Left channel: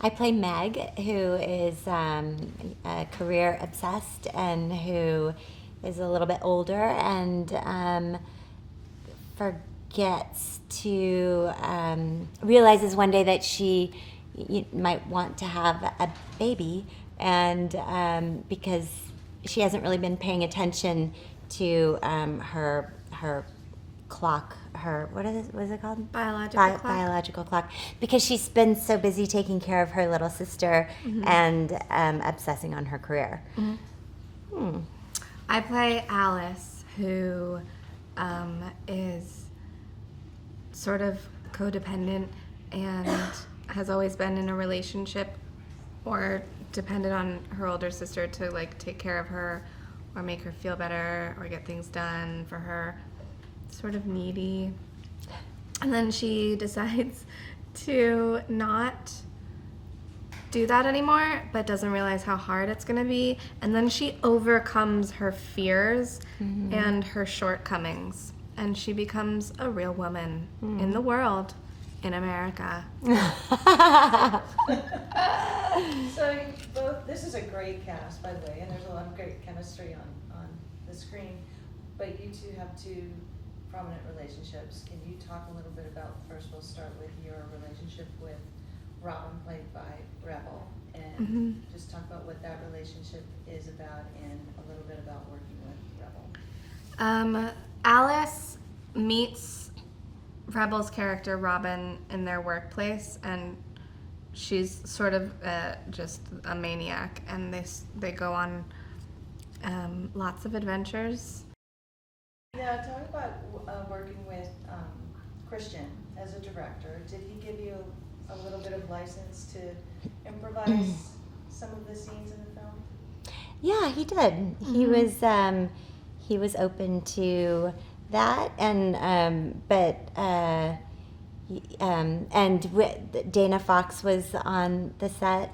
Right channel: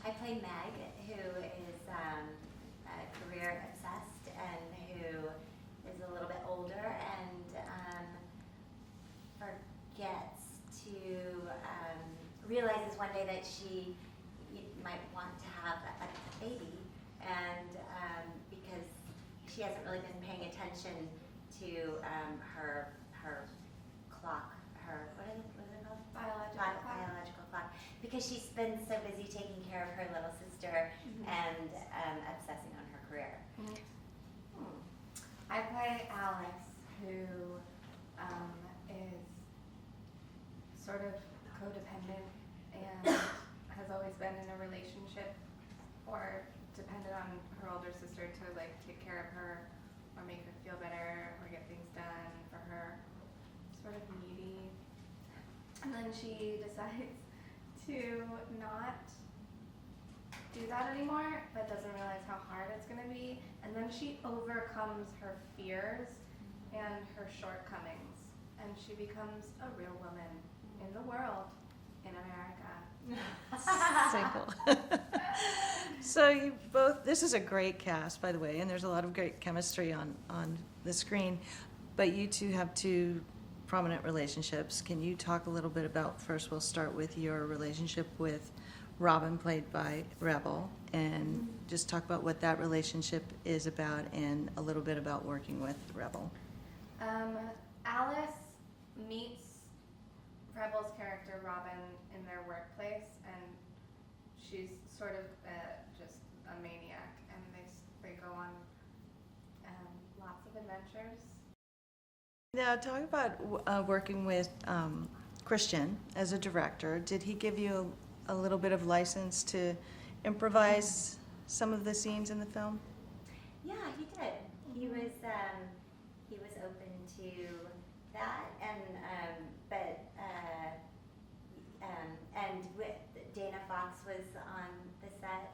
I play Meg, who is career obsessed and who is a little bit older and forgets to realizes one day that she might want to have a baby, and because she hasn't really been paying attention to her clock, her what is it called? Biological clock, because she's been so busy taking care of her little sister and obsessing on her career. I play Alice, who is sort of codependent and has always been in a relationship or depended on her older sister to like take care of her or make her feel better or get things done for her. Sort of needy. And then she decides to not do that anymore, but doesn't realize how hard it's going to be. And then she overcomes her fears and her shortcomings. And she becomes a real woman in the world, in America. So you both, this is a great cast, by the way, and there's a lot of great chemistry on the screen. But you two have two prominent relationships. Can you talk a little bit about, first we'll start with your relationship with Robin, played by Rebel, and just talk about what that relationship is about and a little bit about working with Rebel. Alice meets Rebel's character Robin in their workplace, and she's sort of just a maniac, and they go on lots of adventures. Now, talk about working with Christian as a director. Did he give you a little bit of license to improvise some of the scenes in the film? Yeah, he did. He was open to that, and Dana Fox was on the set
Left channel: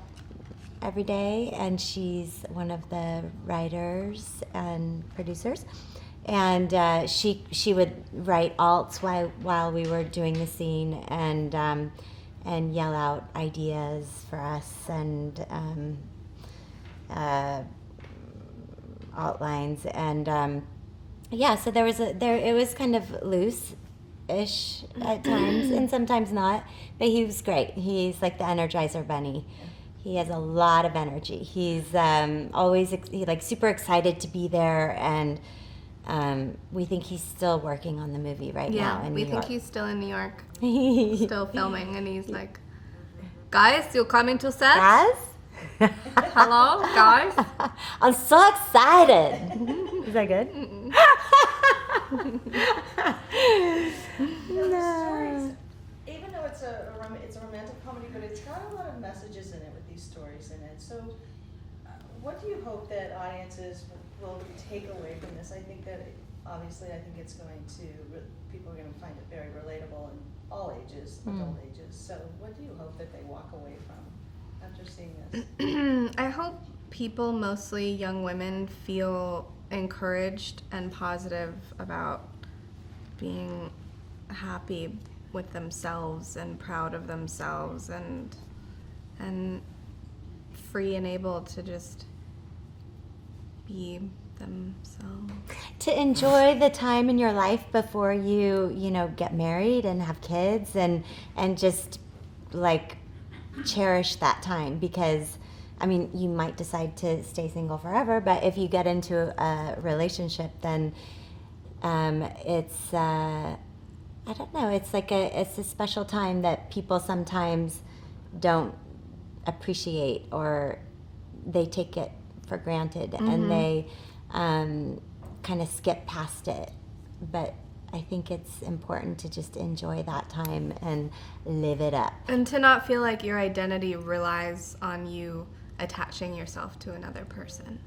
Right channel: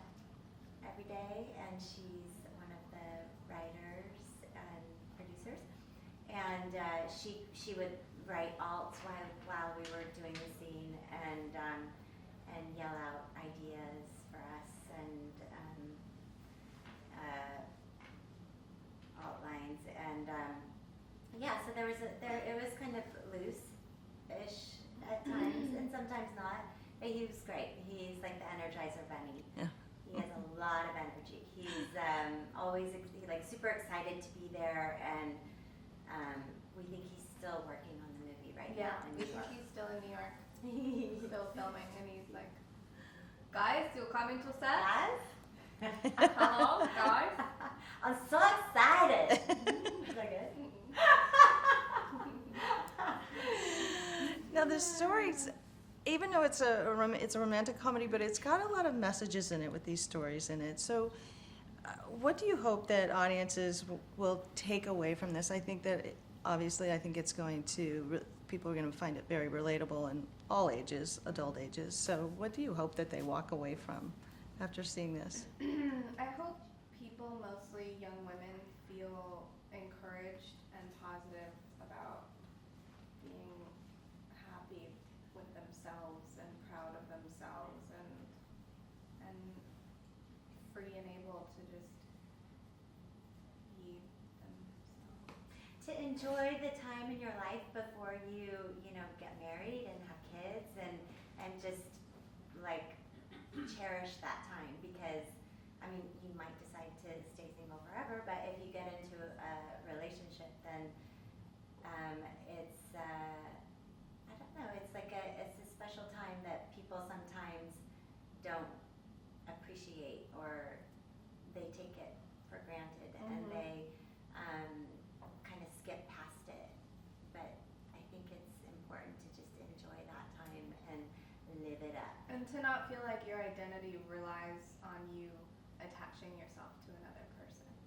every day, and she's one of the writers and producers. And she would write alts while we were doing the scene, and yell out ideas for us and outlines, and so it was kind of loose-ish at times and sometimes not, but he was great. He's like the Energizer Bunny. Yeah. He has a lot of energy. He's always super excited to be there, and we think he's still working on the movie now in New York. Yeah, we think he's still in New York, still filming, and he's like, guys, you coming to set? Guys? Hello, guys? I'm so excited. Is that good? Now the stories, even though it's a romantic comedy, but it's got a lot of messages in it with these stories in it. So what do you hope that audiences will take away from this? I think that obviously it's going to, people are going to find it very relatable in all ages, adult ages. So what do you hope that they walk away from after seeing this? I hope people, mostly young women, feel encouraged and positive about being happy with themselves and proud of themselves and free and able to just be themselves. To enjoy the time in your life before you get married and have kids, and just like cherish that time, because you might decide to stay single forever, but if you get into a relationship, then it's I don't know, it's a special time that people sometimes don't appreciate, or they take it for granted, and they kind of skip past it. But I think it's important to just enjoy that time and live it up. And to not feel like your identity relies on you attaching yourself to another person.